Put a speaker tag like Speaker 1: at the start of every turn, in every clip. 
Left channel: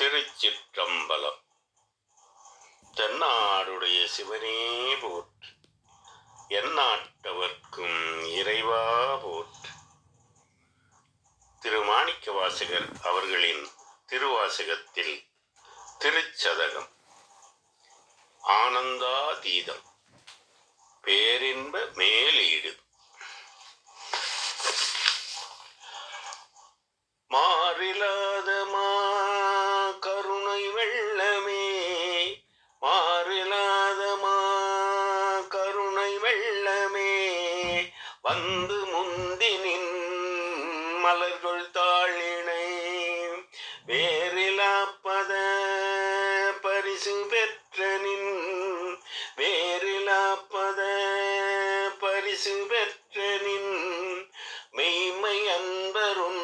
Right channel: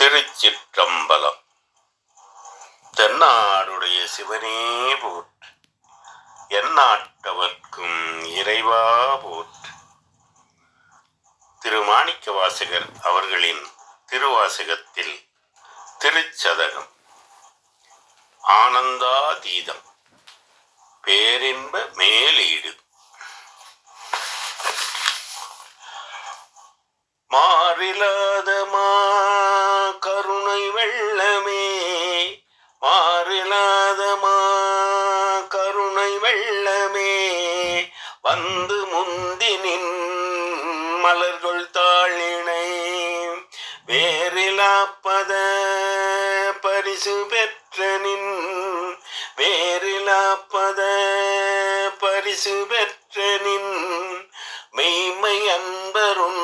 Speaker 1: திருச்சிற்றம்பலம். தென்னாடுடைய சிவனே போற்று எந்நாட்டவர்க்கும் இறைவா போற்று. திரு வாசகர் அவர்களின் திருவாசகத்தில் திருச்சதகம் ஆனந்தாதீதம் பேரின்ப மேலீடு காப்பத பரிசு பெற்ற நின் மெய்மை அன்பரும்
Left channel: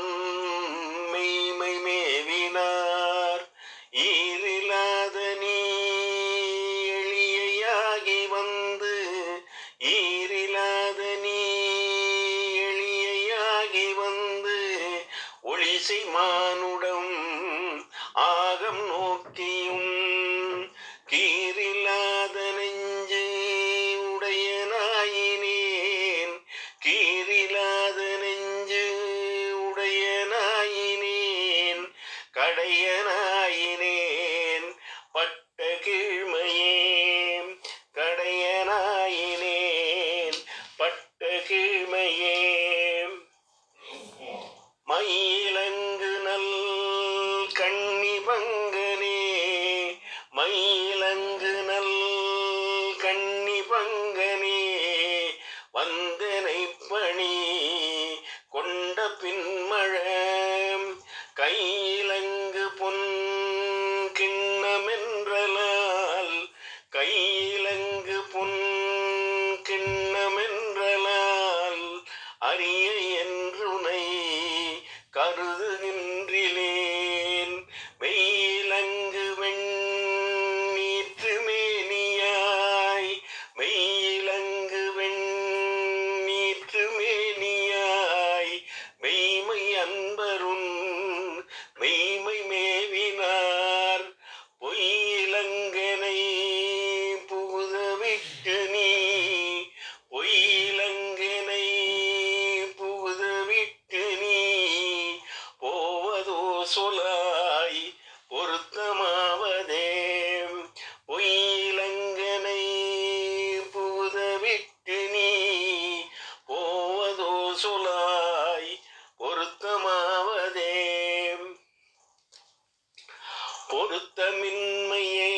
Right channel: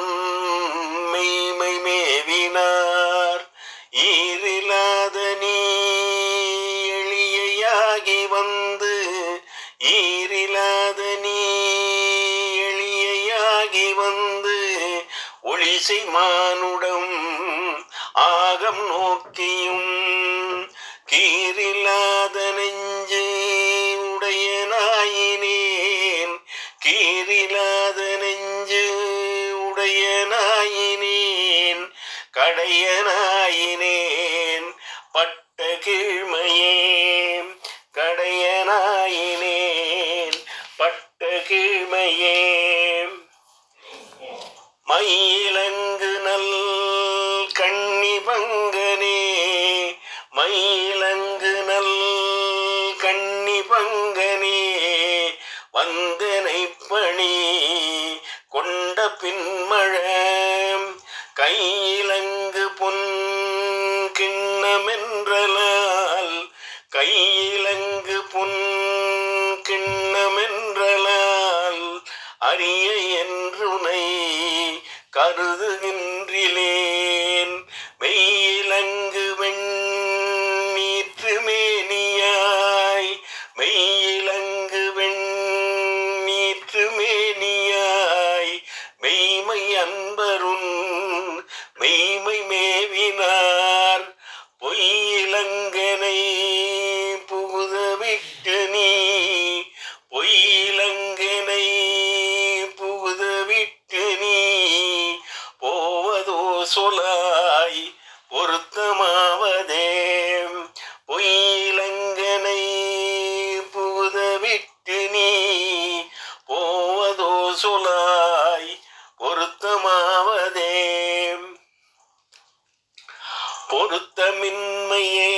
Speaker 1: மெய்மை மேவினார். ஈரில்லாத நீ எளியாகி வந்து ஈரில்லாத நீ எளியாகி வந்து ஒளிசை மானுடம் ஆகம் நோக்கியும் பொருத்தமின்மையே.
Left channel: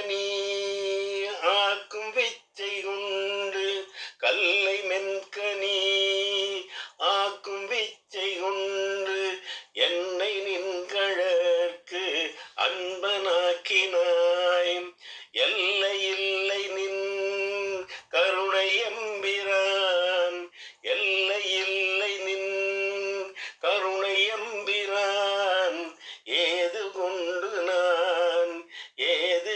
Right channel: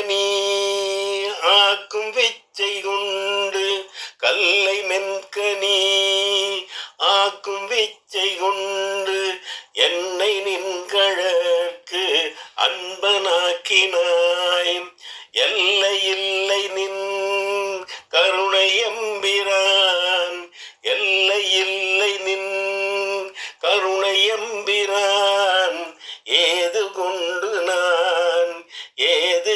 Speaker 1: நீ ஆக்கும் விச்சை உன்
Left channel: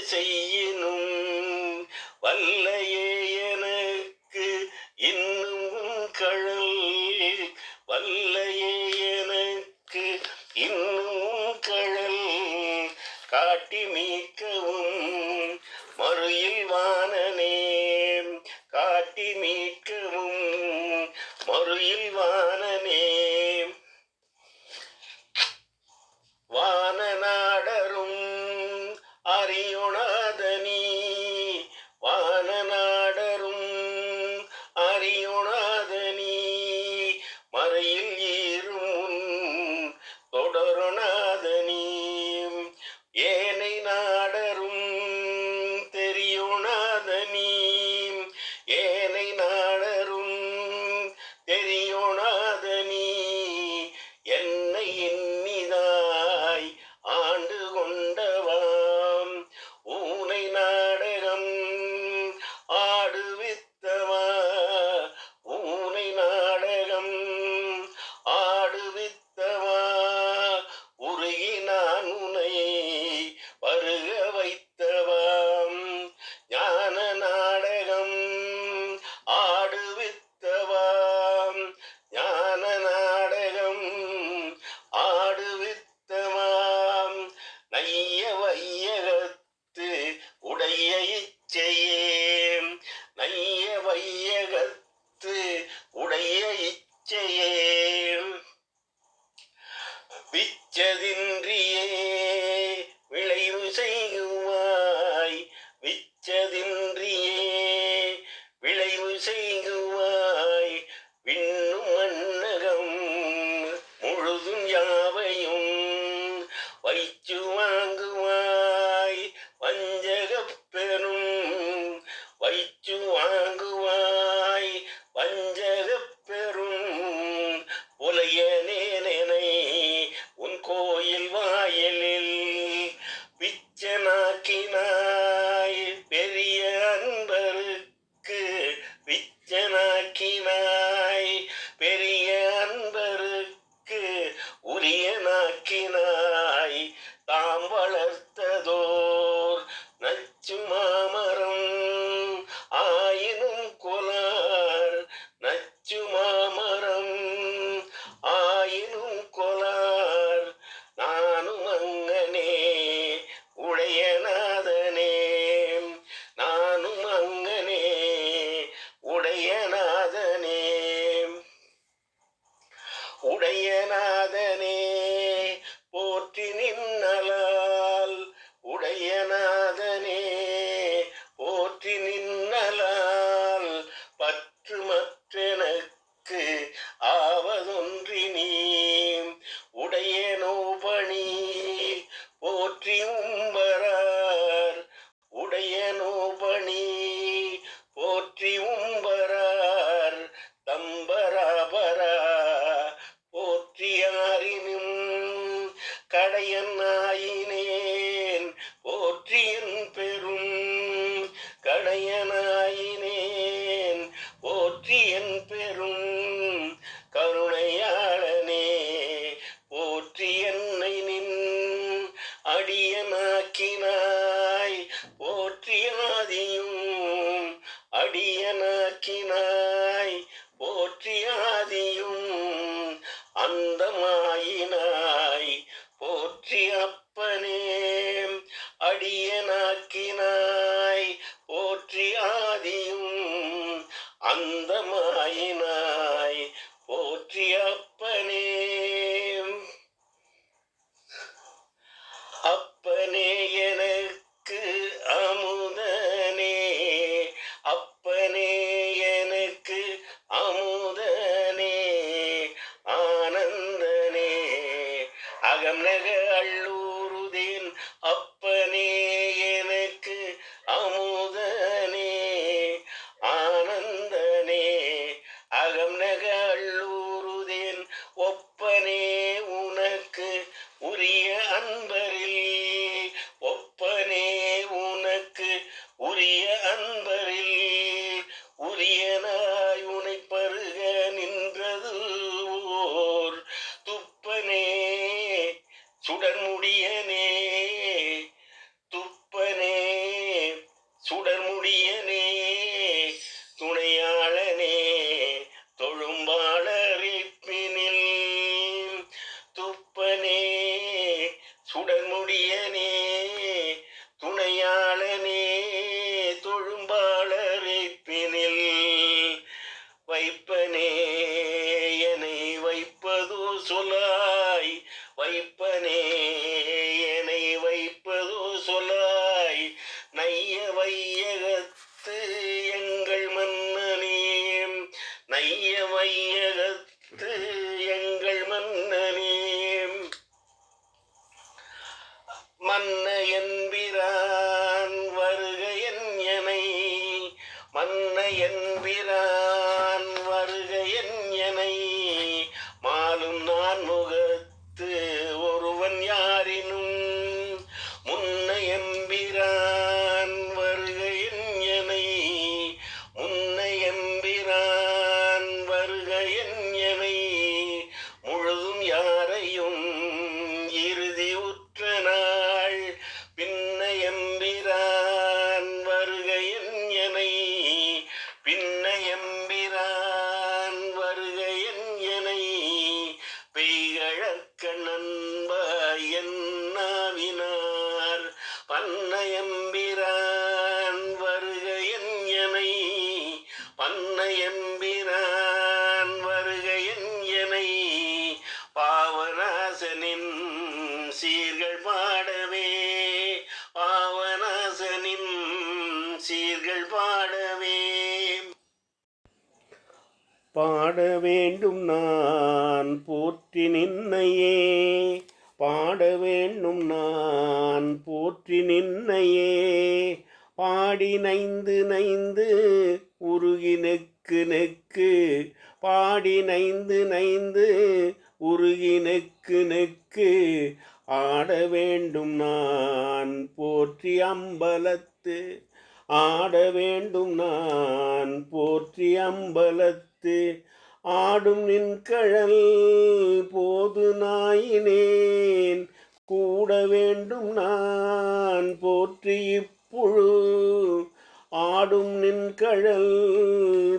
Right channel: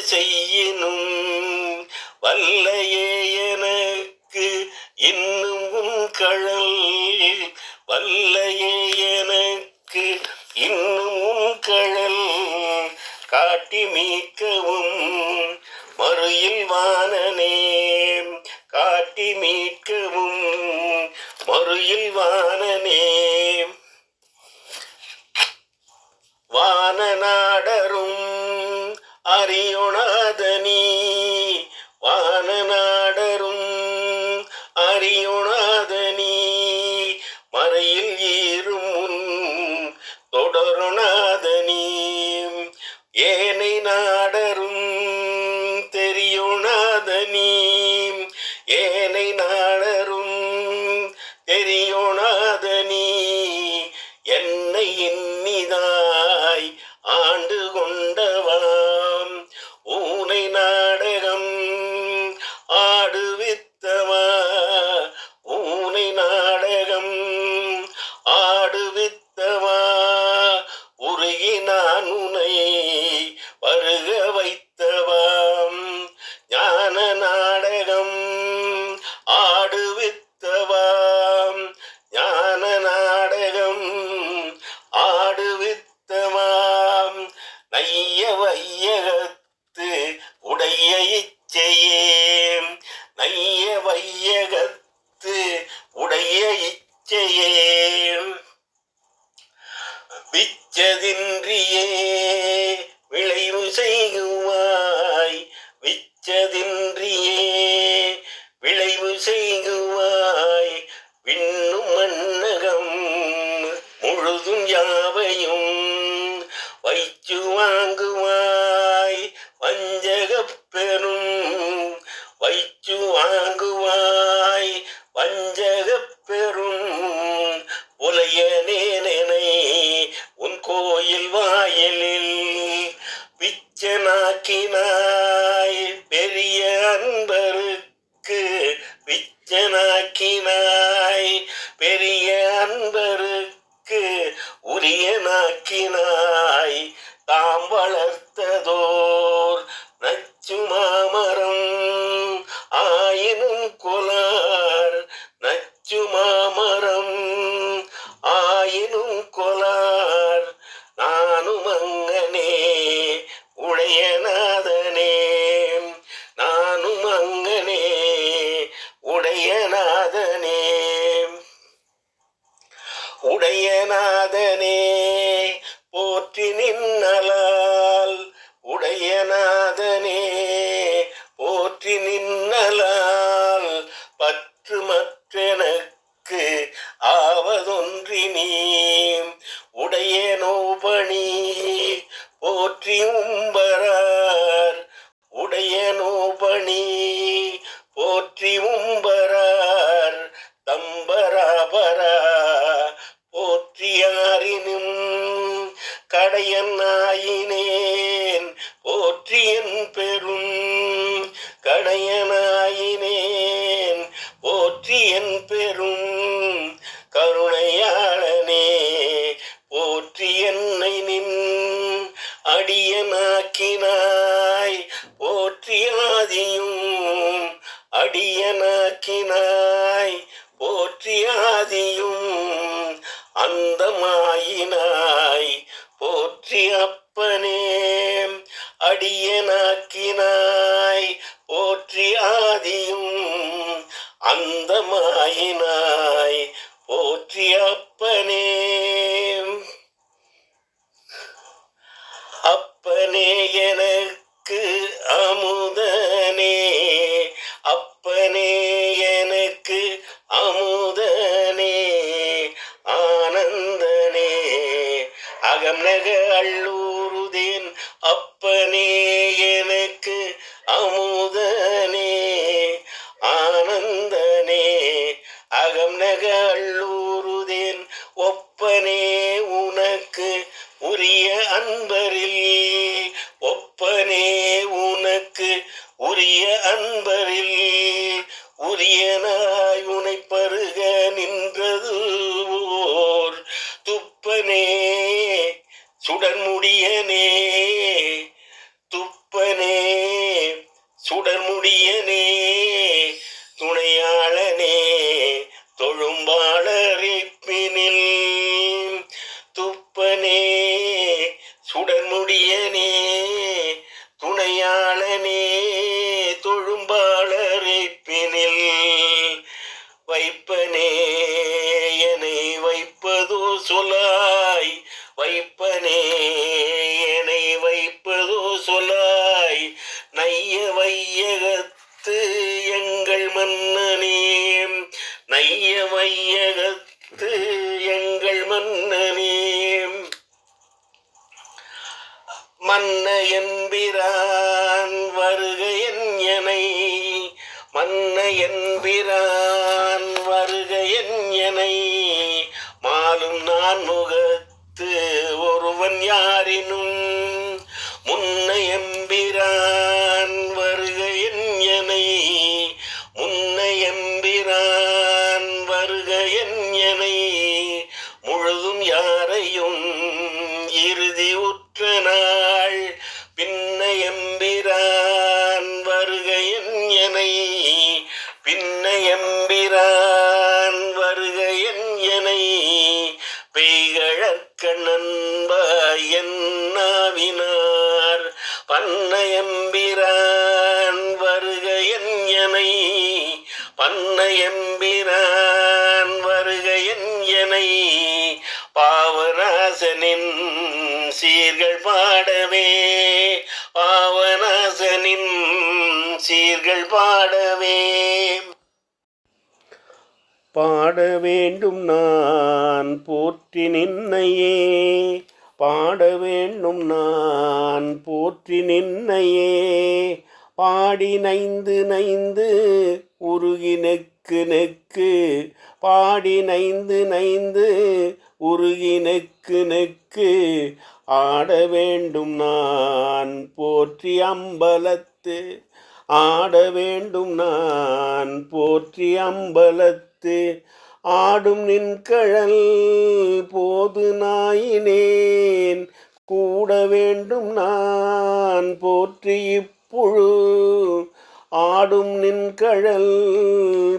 Speaker 1: செய்யினும் வல்லையே எனக்கு இன்னும் உன் கழல். வல்லையே எனக்கு இன்னும் உன் கழல். காட்டி மீட்கவும் மறுயில் வானனே. காட்டி மீட்கவும் மறுயில் வானனே. உடைய நாதனே போற்றி நின்னலால் உடையனா அடியனாக்கினாய். போற்றியாதியும் அடியனாக்கினாய். சொல்லாய் வைப்பனே என்னை வைப்பதோ சொல்லாய். நைய வையகத்து எங்கள் மன்னனே நைய வையகத்து எங்கள் மன்னனே. மன்ன என்பிரான் வருக என் மன்ன என்பிரான். எம்பிரான் வருகையன் எனை பின்ன எம்பிரான் வருகையன் எனை பெய்கழக்க பெய்கழற்கண்ணன்பாய் என்னாவினார். பன்ன எம்பிரான் வருகையன் எனை பன்ன எம்பிரான் வருகையன் எனை பாவராசனின் பாட வேண்டும் நான் போற்றி நின்னையே. பாட வேண்டும் நான் போற்றி நின்னையே. பாடி நைந்து நைந்து உருகி நெக்கு நெக்கு. பாடி நைந்து நைந்து உருகி நெக்கு நெக்கு. ஆட வேண்டும் நான் போற்றி அம்பலத்து. ஆட வேண்டும் நான் போற்றி அம்பலத்து. ஆடும் நின்கழல் போது நாயினேன். கூட வேண்டும் நான் போற்றி இப்புழு ஆடும் நின்கழல்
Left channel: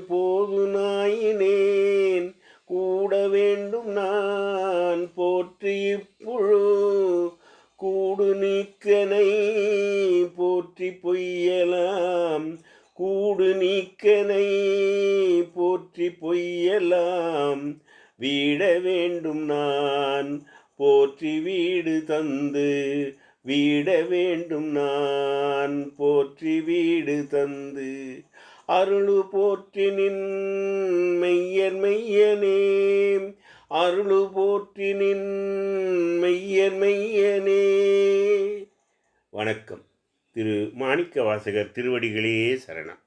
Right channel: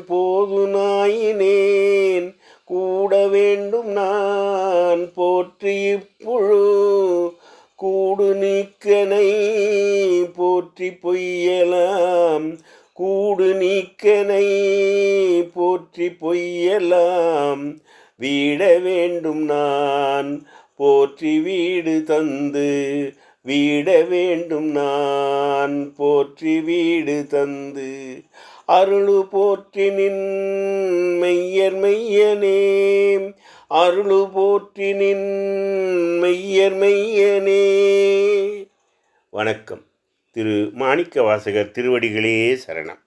Speaker 1: போது நாயினேன். கூட வேண்டும் நான் போற்றி இப்புழு கூடு நீக்கனை போற்றி பொய்யலாம். கூடு நீக்கனை போற்றி பொய்யலாம். வீட வேண்டும் நான். போற்றி வீடு தந்து வீட வேண்டும் நான். போற்றி வீடு தந்து அருளு போற்றி நின் மெய்யர் மெய்யனே. அருளு போற்றி நின் மெய்யர் மெய்யனே. வணக்கம். திரு மாணிக்க வாசகர் திருவடிகளே சரணம்.